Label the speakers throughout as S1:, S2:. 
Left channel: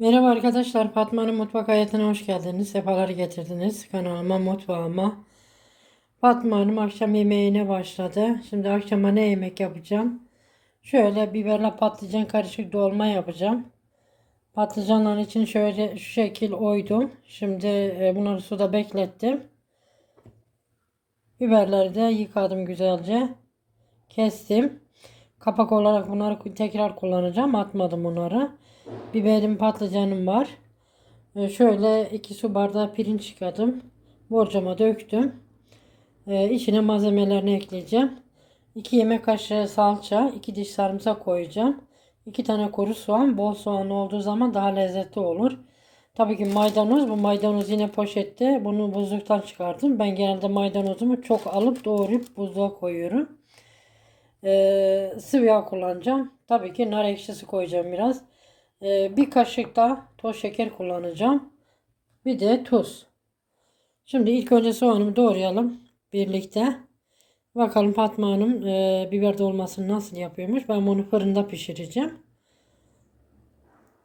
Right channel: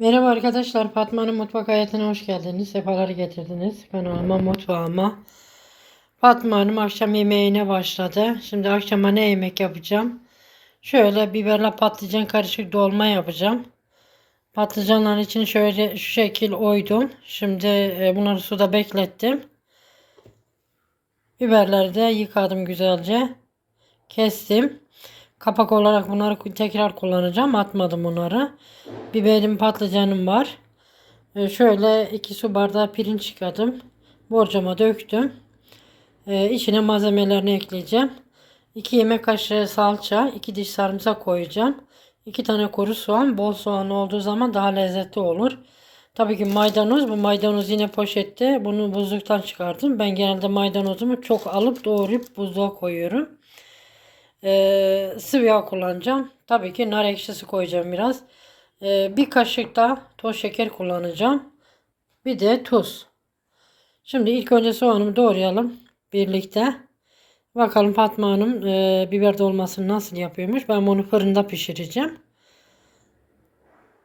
S1: Merhaba arkadaşlar, Fatma'nın mutfak hayatına hoş geldiniz. Sefalar getirdiniz kanalıma, mutfağıma. Fatma Hanım akşam yemeğine başladı. Şimdi akşama ne yemek yapacağım? Şöyle biberle patlıcan karışık dolma yapacağım. Patlıcanların için şöyle şu şekil oydum. Şimdi e, bunları suda beklettim. Biberleri de yıkadım güzelce. Kestim. Kapak olarak bunları tekrar kullanacağım. Atmadım bunları. Biberim patlıcanım var. Ee, şöyle 2 su bardağı pirinç yıkadım. Borcama döktüm. Ee, içine malzemelerini ekleyeceğim. 2 yemek kaşığı salça, 2 diş sarımsak koyacağım. 2 tane kuru soğan. Bol soğan olduğu zaman daha lezzetli olur. Tabii ki maydanoz. Bu maydanoz yine poşette. Bunu buzluktan çıkardım. Ben genelde maydanozumu çok alıp doğrayıp buzluğa koyuyorum. Ee, sıvı yağ kullanacağım. Tabii ki nar ekşisi koyacağım biraz. Ee, bir kaşık da toz şeker kullanacağım. Bir de tuz. Şimdi ilk önce soğanımı doğrayalım birlikte. Bakalım Fatma Hanım e, biber dolmasını nasıl yapıyormuş. Ben bunu fırında pişireceğim.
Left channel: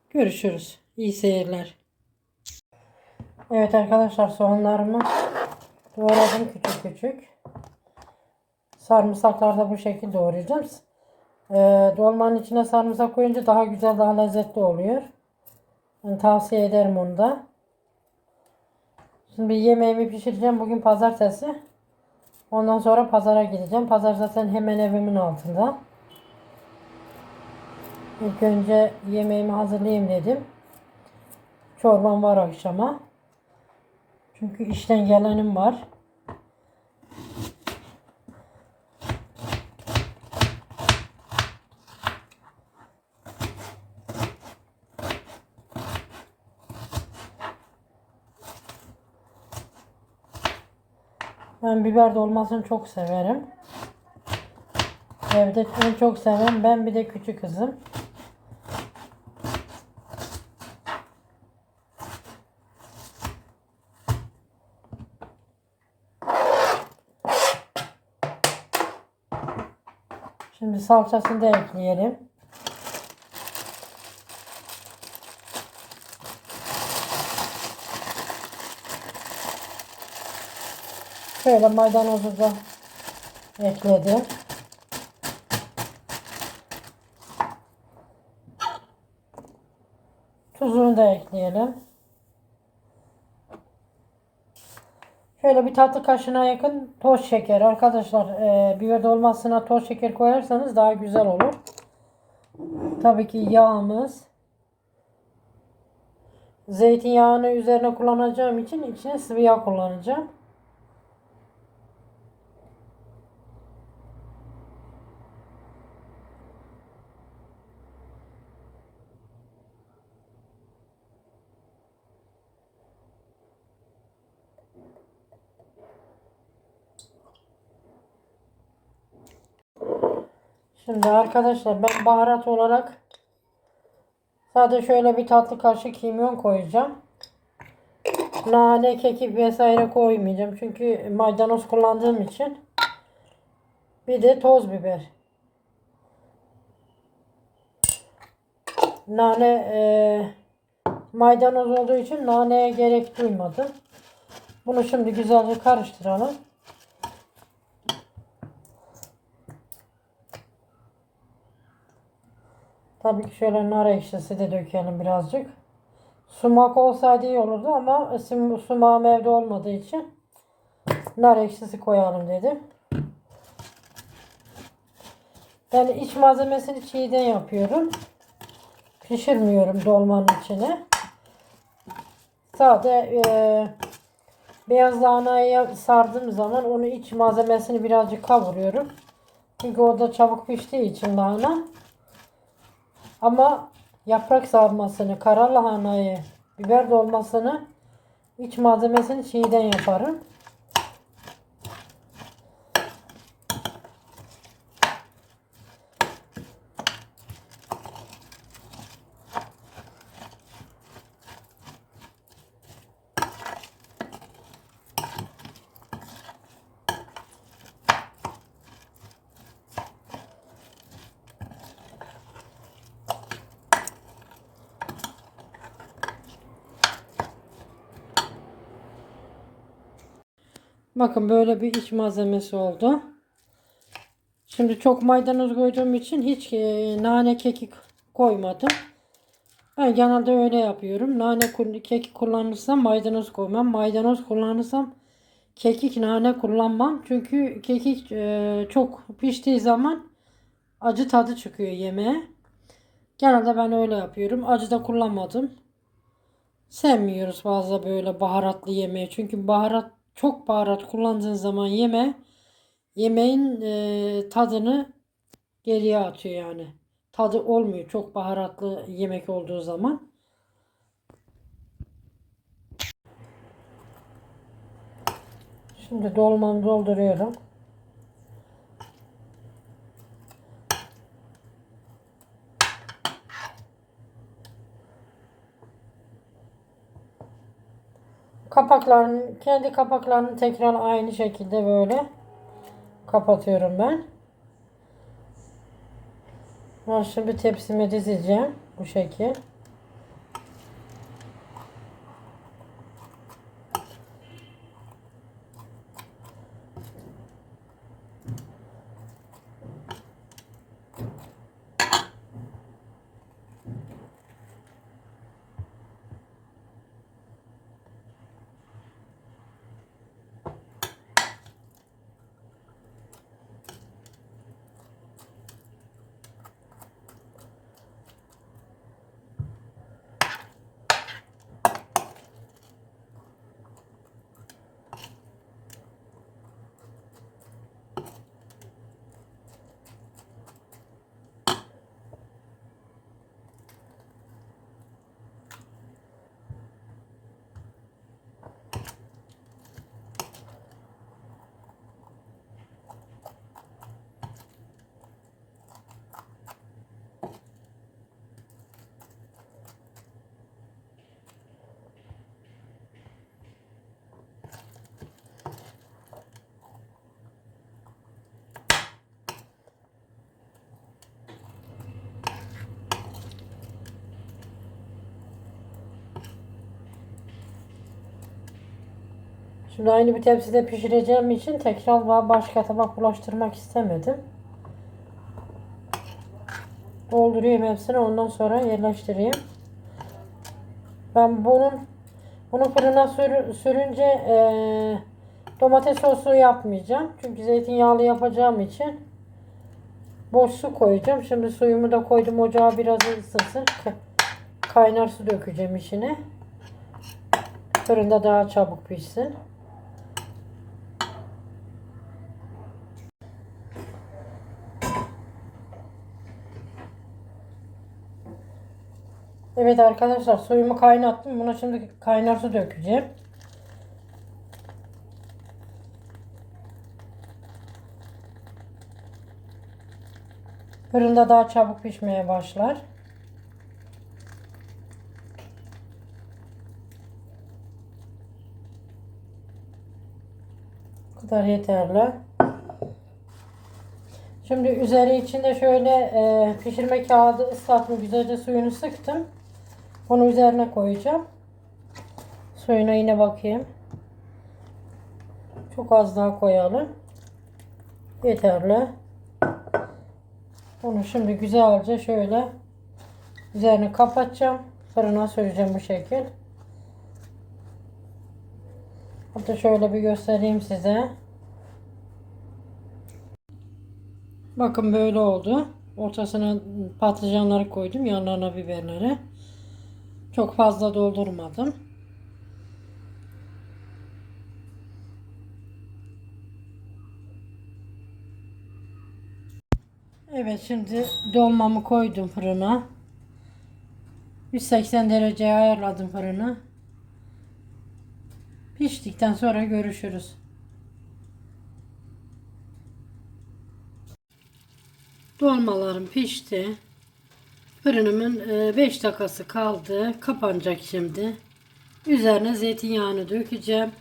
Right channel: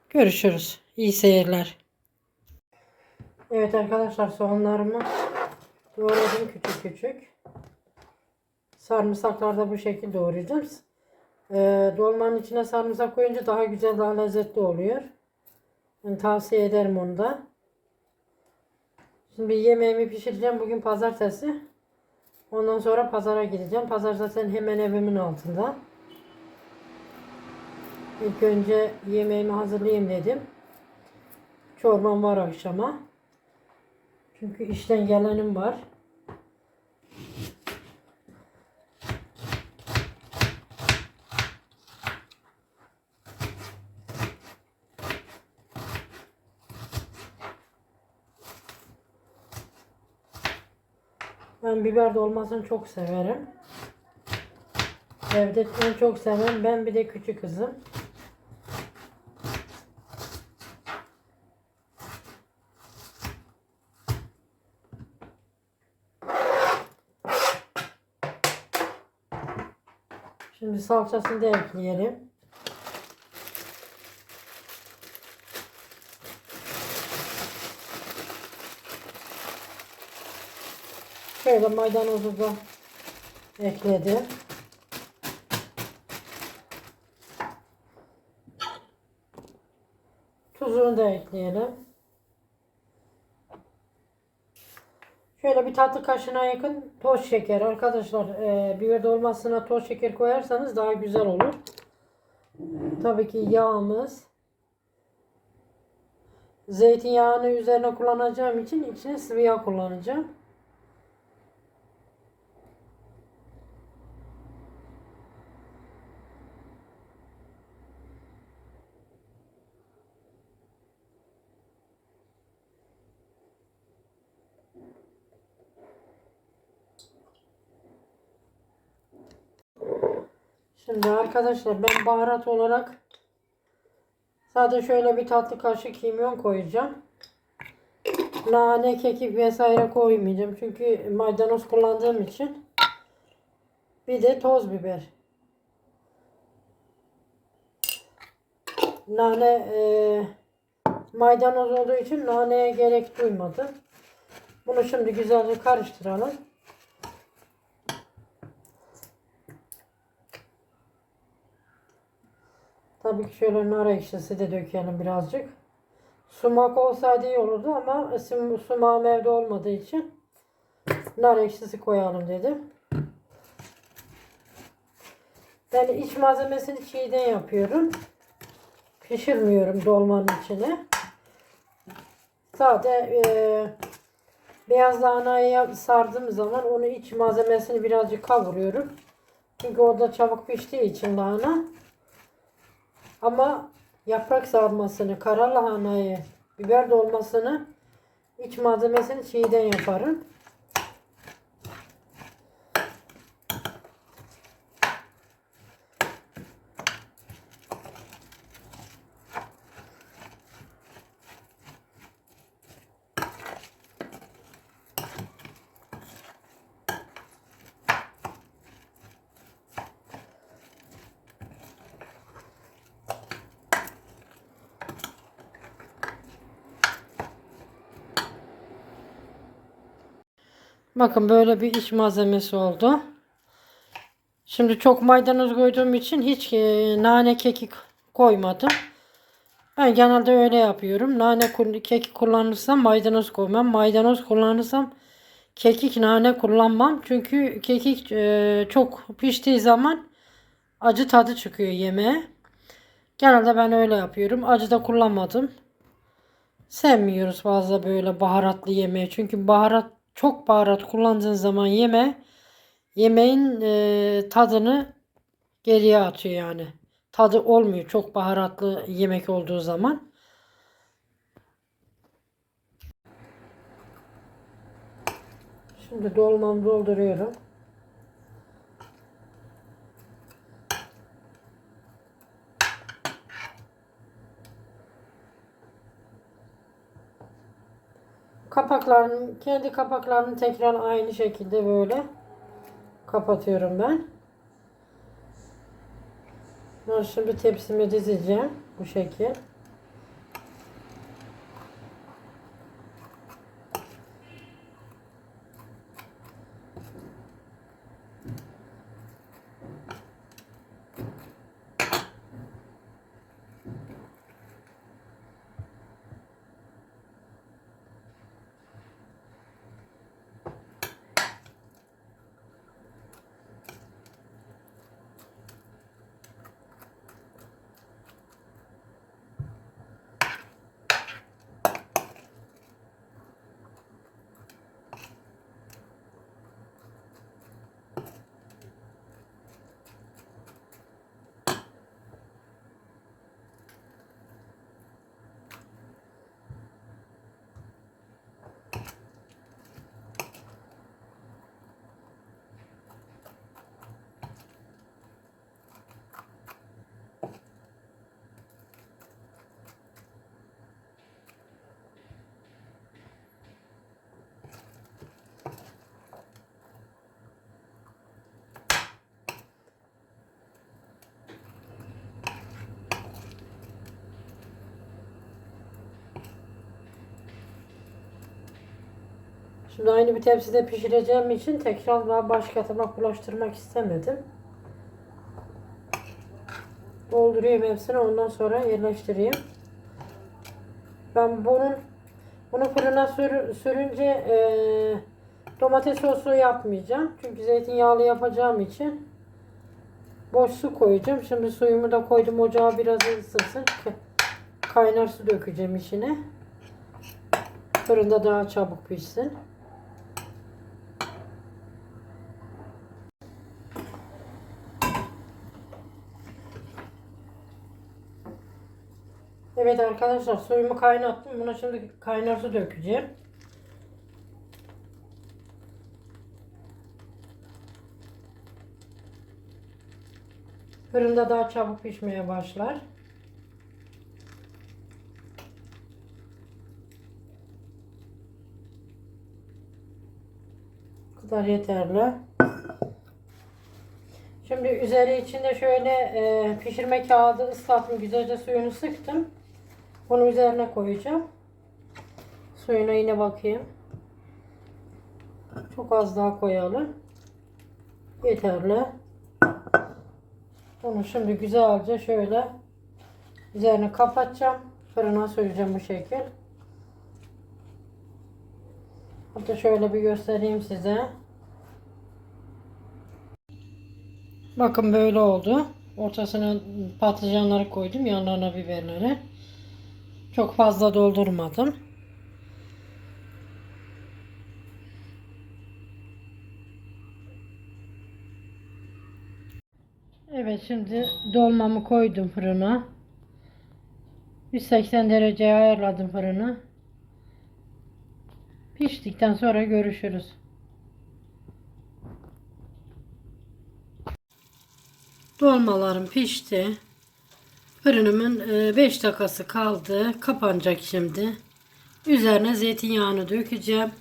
S1: Görüşürüz. İyi seyirler. Evet arkadaşlar soğanlarımı doğradım küçük küçük. Sarımsaklar da bu şekilde doğrayacağım. Ee, dolmanın içine sarımsak koyunca daha güzel, daha lezzetli oluyor. Yani tavsiye ederim onu da. Şimdi yemeğimi pişireceğim. Bugün pazartesi. Ondan sonra pazara gideceğim. Pazar zaten hemen evimin altında. İlk önce yemeğimi hazırlayayım dedim. Çorbam var akşama. Çünkü işten gelenim var. Ben biber dolmasını çok severim. Evde en çok seven ben bir de küçük kızım. Şimdi salçasını da ekleyelim. Şöyle maydanozu da ekledim. Tuzunu da ekleyelim. Şöyle bir tatlı kaşığına yakın toz şeker. Arkadaşlar e, biber dolmasına toz şeker koyarsanız daha güzel olur. Tabii ki yağımız. Zeytinyağını üzerine kullanacağım için içine sıvı yağ kullanacağım. Şimdi arkadaşlar ben baharat olarak sadece şöyle bir tatlı kaşık kimyon koyacağım. Nane, kekik vesaire koymayacağım. Çünkü maydanoz kullandığım için. Bir de toz biber. Nane e, maydanoz olduğu için naneye gerek duymadım. Bunu şimdi güzelce karıştıralım. Tabii ki şöyle nar ekşisi de dökelim birazcık. Sumak olsaydı iyi olurdu ama sumağım evde olmadığı için nar ekşisi koyalım dedim. Ben iç malzemesini çiğden yapıyorum. Pişirmiyorum dolmanın içine. Sade e, beyaz lahanayı sardığım zaman onu iç malzemesini birazcık kavuruyorum. Çünkü orada çabuk piştiği için lahana. Ama yaprak sarmasını, kara lahanayı, biber dolmasını iç malzemesini çiğden yaparım. Bakın böyle bir iç malzemesi oldu. Şimdi çok maydanoz koyduğum için hiç e, nane kekik koymadım. Ben genelde öyle yapıyorum. Nane kekik kullanırsam maydanoz koymam. Maydanoz kullanırsam kekik nane kullanmam. Çünkü kekik e, çok piştiği zaman acı tadı çıkıyor yemeğe. Genelde ben öyle yapıyorum. Acı da kullanmadım. Sevmiyoruz fazla böyle baharatlı yemeği. Çünkü baharat çok baharat kullandığın zaman yeme yemeğin e, tadını geriye atıyor yani. Tadı olmuyor çok baharatlı yemek olduğu zaman. Şimdi dolmamı dolduruyorum. Kapaklarını, kendi kapaklarını tekrar aynı şekilde böyle kapatıyorum ben. Ben şimdi tepsime dizeceğim bu şekil. Şimdi aynı bir tepside pişireceğim için tekrar ba- başka tabak bulaştırmak istemedim. Dolduruyorum hepsini ondan sonra yerleştireyim. Ben bunun bunu fırına sür, sürünce eee, domates sosu yapmayacağım. Çünkü zeytinyağlı yapacağım için boş su koyacağım. Şimdi suyumu da koydum ocağa biraz ısınsın. Ka- Kaynar su dökeceğim içine. Fırında daha çabuk pişsin. Evet arkadaşlar suyumu kaynattım. Buna şimdi kaynar su dökeceğim. Fırında daha çabuk pişmeye başlar. Bu kadar yeterli. Şimdi üzeri içinde şöyle e, pişirme kağıdı ıslattım. Güzelce suyunu sıktım. Bunu üzerine koyacağım. Suyuna yine bakayım. Çok az daha koyalım. Yeterli. Bunu şimdi güzelce şöyle üzerine kapatacağım. Fırına süreceğim bu şekil. Hatta şöyle bir göstereyim size. Bakın böyle oldu. Ortasına patlıcanları koydum. Yanlarına biberleri. Çok fazla doldurmadım. Evet şimdi dolmamı koydum fırına. 180 dereceye ayarladım fırını. Piştikten sonra görüşürüz. Dolmalarım pişti. Fırınımın 5 dakikası kaldı. Kapanacak şimdi. Üzerine zeytinyağını dökeceğim.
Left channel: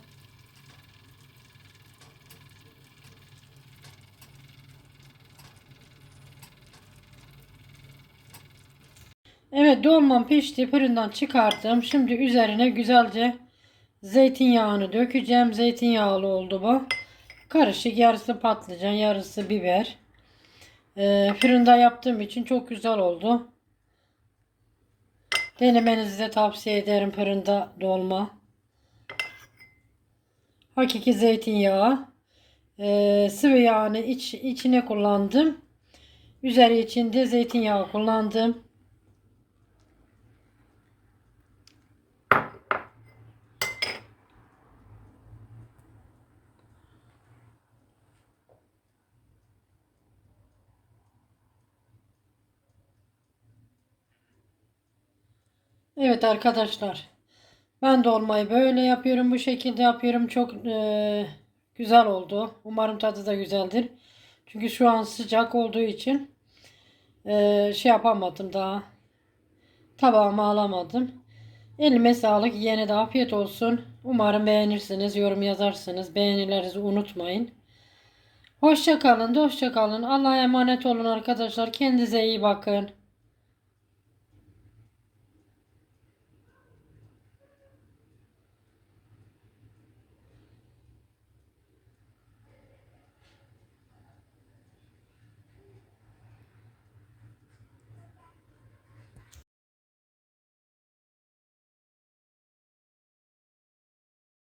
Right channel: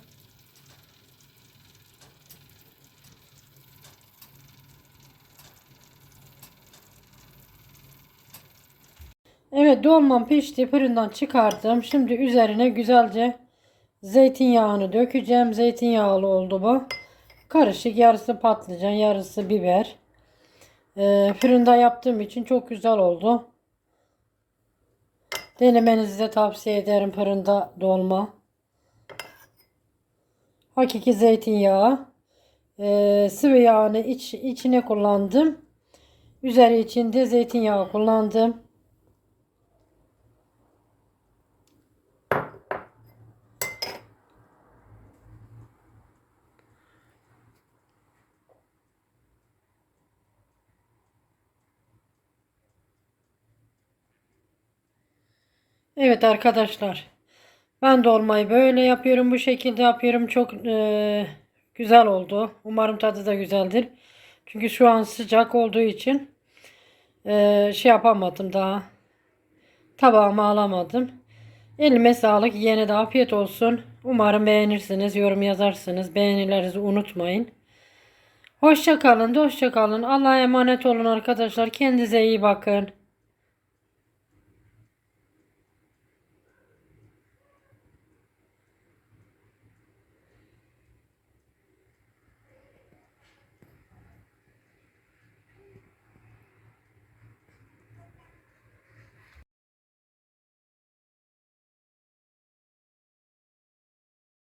S1: Evet dolmam pişti. Fırından çıkarttım. Şimdi üzerine güzelce zeytinyağını dökeceğim. Zeytinyağlı oldu bu. Karışık yarısı patlıcan yarısı biber. Ee, fırında yaptığım için çok güzel oldu. Denemenizi de tavsiye ederim fırında dolma. Hakiki zeytinyağı. Ee, sıvı yağını iç, içine kullandım. Üzeri içinde zeytinyağı kullandım. Evet arkadaşlar. Ben dolmayı böyle yapıyorum. Bu şekilde yapıyorum. Çok eee, güzel oldu. Umarım tadı da güzeldir. Çünkü şu an sıcak olduğu için eee, şey yapamadım daha. Tabağıma alamadım. Elime sağlık. Yine de afiyet olsun. Umarım beğenirsiniz. Yorum yazarsınız. Beğenilerinizi unutmayın. Hoşça kalın. Hoşça. Allah'a emanet olun arkadaşlar. Kendinize iyi bakın.